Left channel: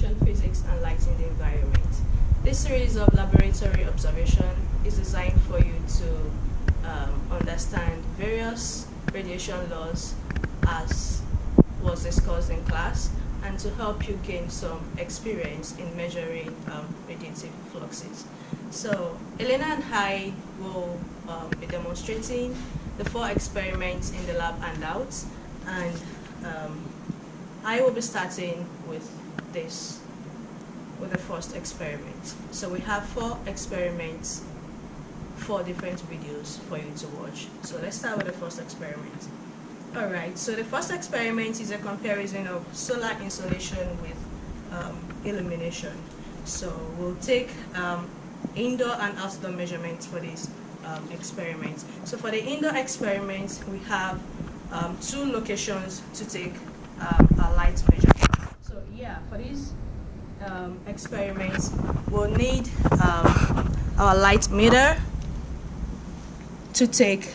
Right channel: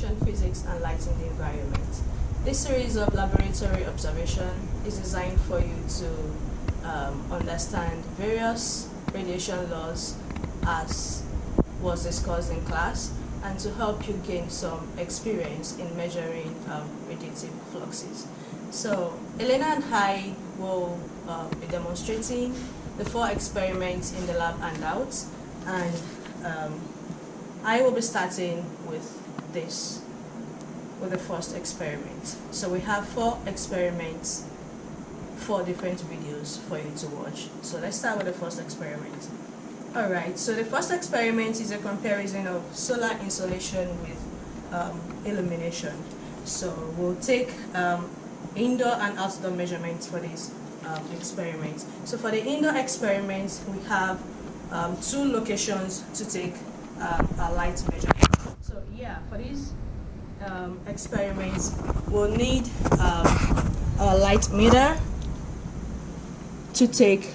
radiation physics and light in the environment. This series of laboratory observation is designed for you to understand various radiation laws as was discussed in class, and to help you gain some experience in measuring radiative fluxes. So Elena and I will be demonstrating the 4 experiments in the lab handouts, and I will be starting with the first experiment. So we have 4 experiments, 4 different videos for you to watch. So let's start with the first experiment. Alright, so the first experiment is a comparison of solar insolation with illumination. So we'll take indoor and outdoor measurements for this experiment. So for the indoor experiment, we have 2 locations to take a light measurement. So yeah, for this experiment, we'll need our light meter to take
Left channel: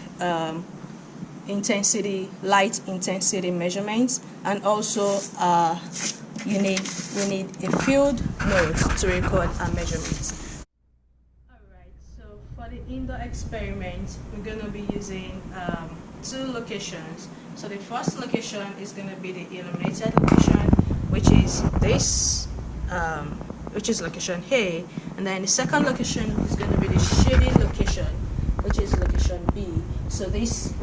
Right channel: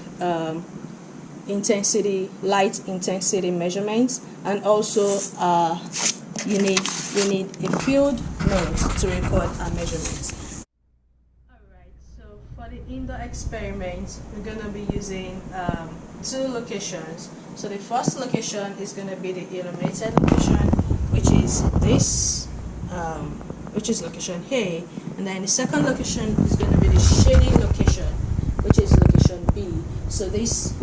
light intensity measurements, and also we need a field node to record our measurements. Alright, so for the indoor experiment, we're going to be using 2 locations. So the first location is going to be the illuminated location, which is this, which is location A, and then the second location is going to be the shady location, which is location B. So this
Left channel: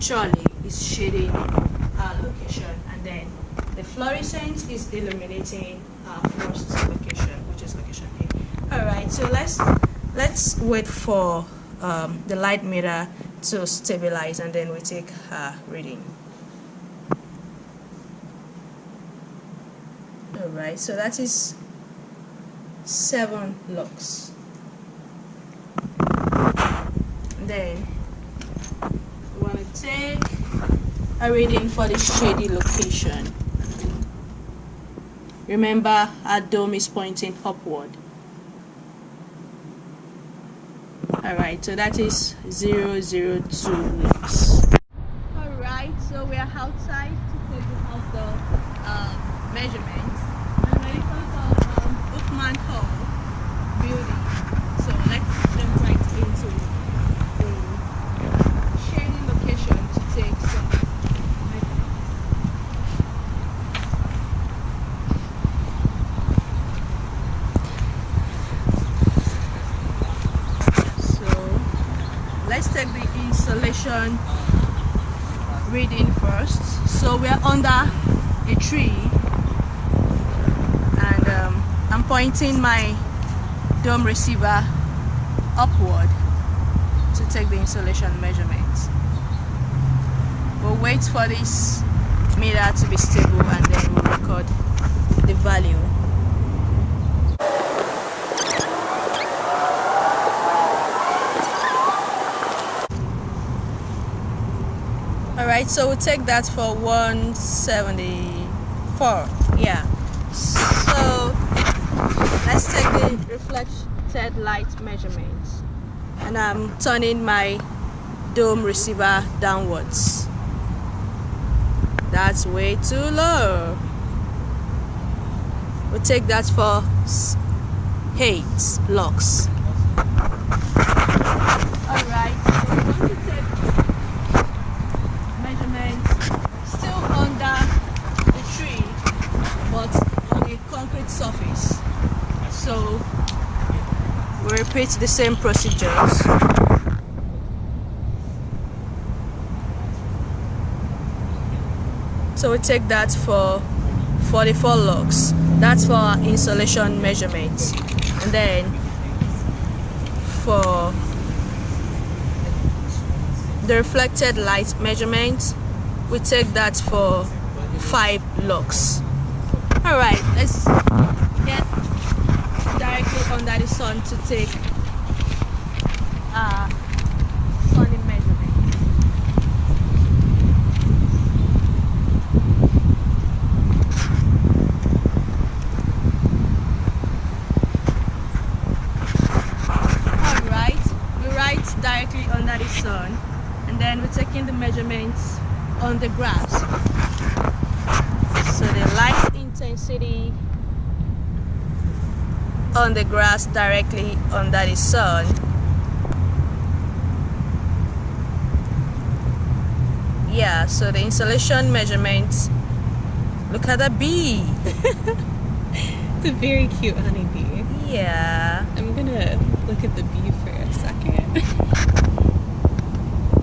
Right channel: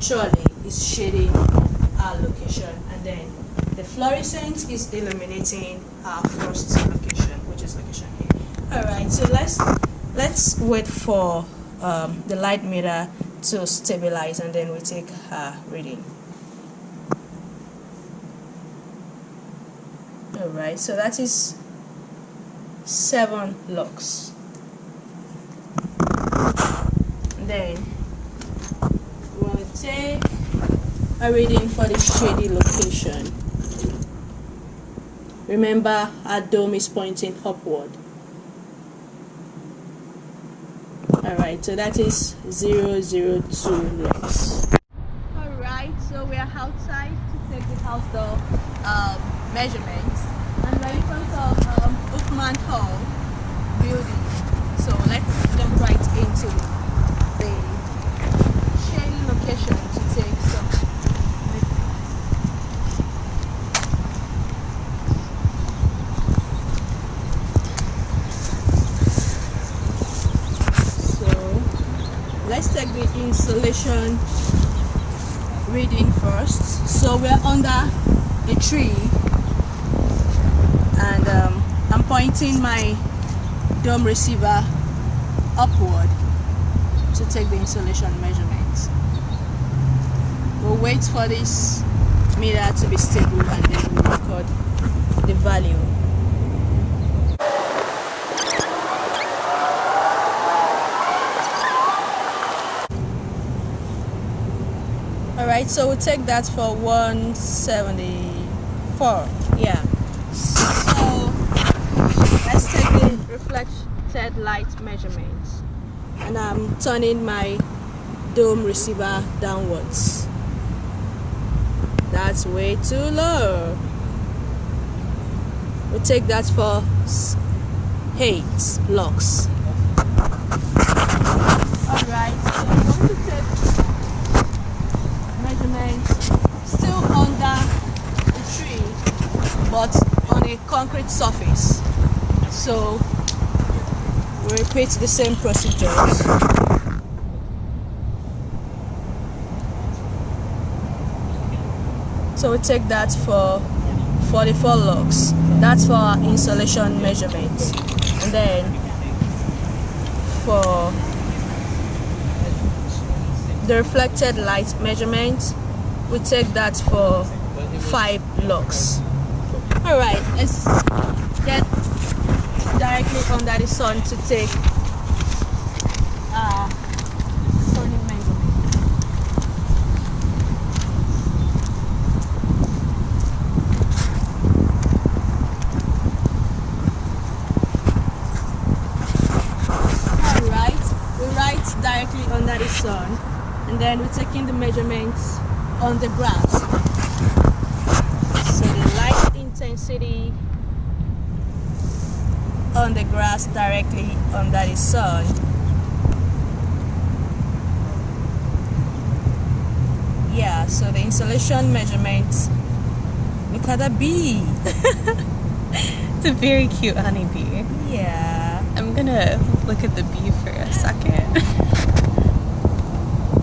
trolley is shading our location, and then the fluorescent is illuminating our first location, which is location A. Alright, so let's wait for the light meter to stabilize, and then we take a reading. Alright, so that is 7 lux. And then we want to take a reading for the shady location. Remember, our dome is pointing upward. Alright, so that is 002 lux. Alright, so we are outside to take the outdoor measurements, and we're in front of Hoffman Hall building. So let's jump right into the shady location to take some. So let's take the insolation reading first. So we are under a tree, and I'm pointing my dome receiver upward to take the insolation measurements. We'll wait for this meter to be stable, and then we'll record the value. Alright, so we'll take that for 174. Yeah. So let's take the reflected light measurements, and I'm turning my dome receiver downwards. That's way too low. We'll take that for 8 lux. Alright, so we want to take measurements still under the tree, but on the concrete surface. So we repeat the same procedures. So we take that for 44 lux. That's for our insolation measurements. And then for the reflected light measurement, we take that for 5 lux. Alright, let's get directly under the sun to take sunny measurement. Alright, we write directly under the sun, and then we're taking the measurements on the grass. So the light intensity on the grass directly under the sun. Yeah, so the insolation measurements. Look at the bee. It's a very cute honeybee. Yeah. I'm gonna look at the bee for a second.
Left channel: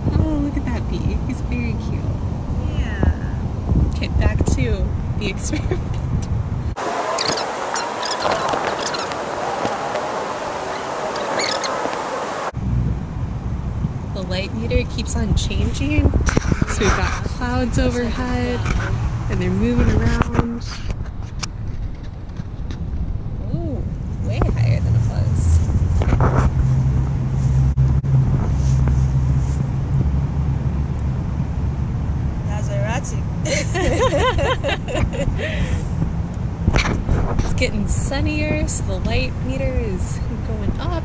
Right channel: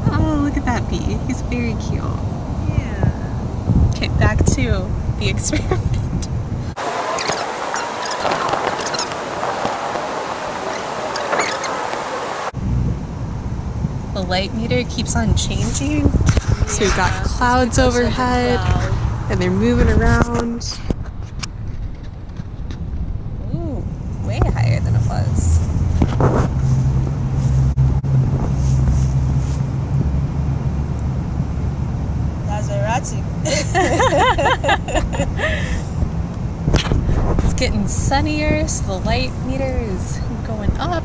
Oh, look at that bee. He's very cute. Yeah. Okay, back to the experiment. The light meter keeps on changing. So we've got clouds overhead and they're moving around. Ooh, way higher than it was. That's erratic. It's getting sunnier, so the light meter is going up.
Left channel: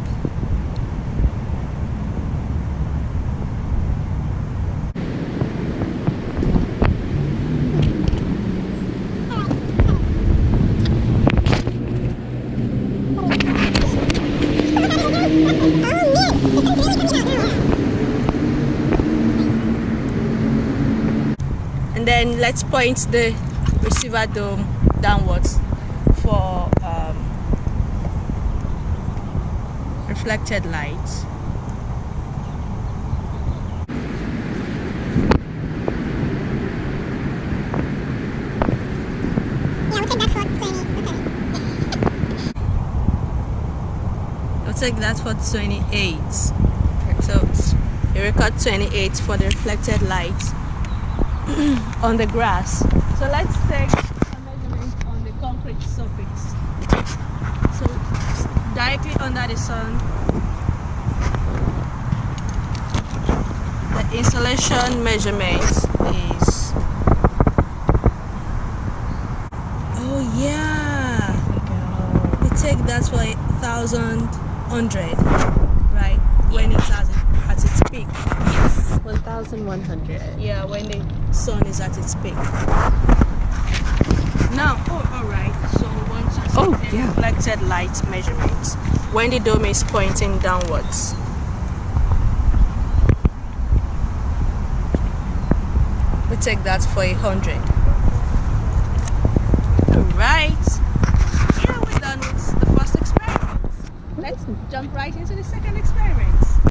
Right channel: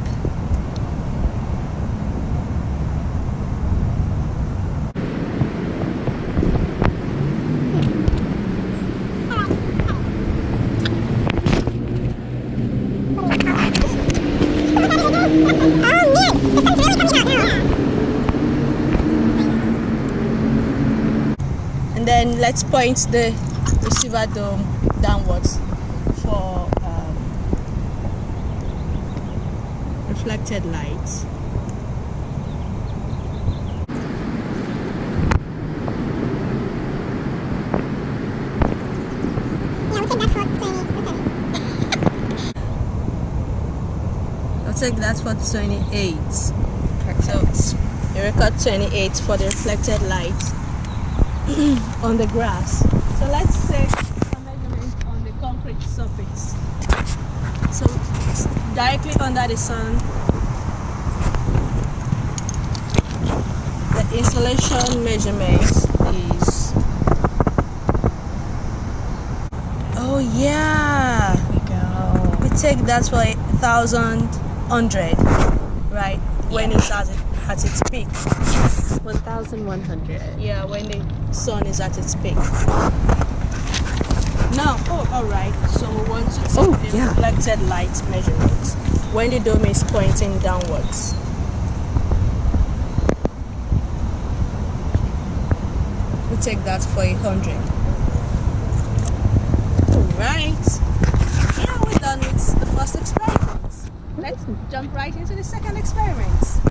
And then let's point the receiver dome downwards for reflected light. I'll take that for 28. So you record 28 for the reflected light on the grass. So let's take a measurement on the concrete surface. So it's directly under the sun. The insolation measurement is, oh yeah, There we go. we take that for 1,100, right? When it's at its peak. Yes, 1,100. Yeah, when the sun is at its peak. Now, all right. So we want to take the reflected light measurement when the dome is pointing downwards. We take that for 100. All right. Yeah, we're done with the first experiment. Let's jump right into the second experiment.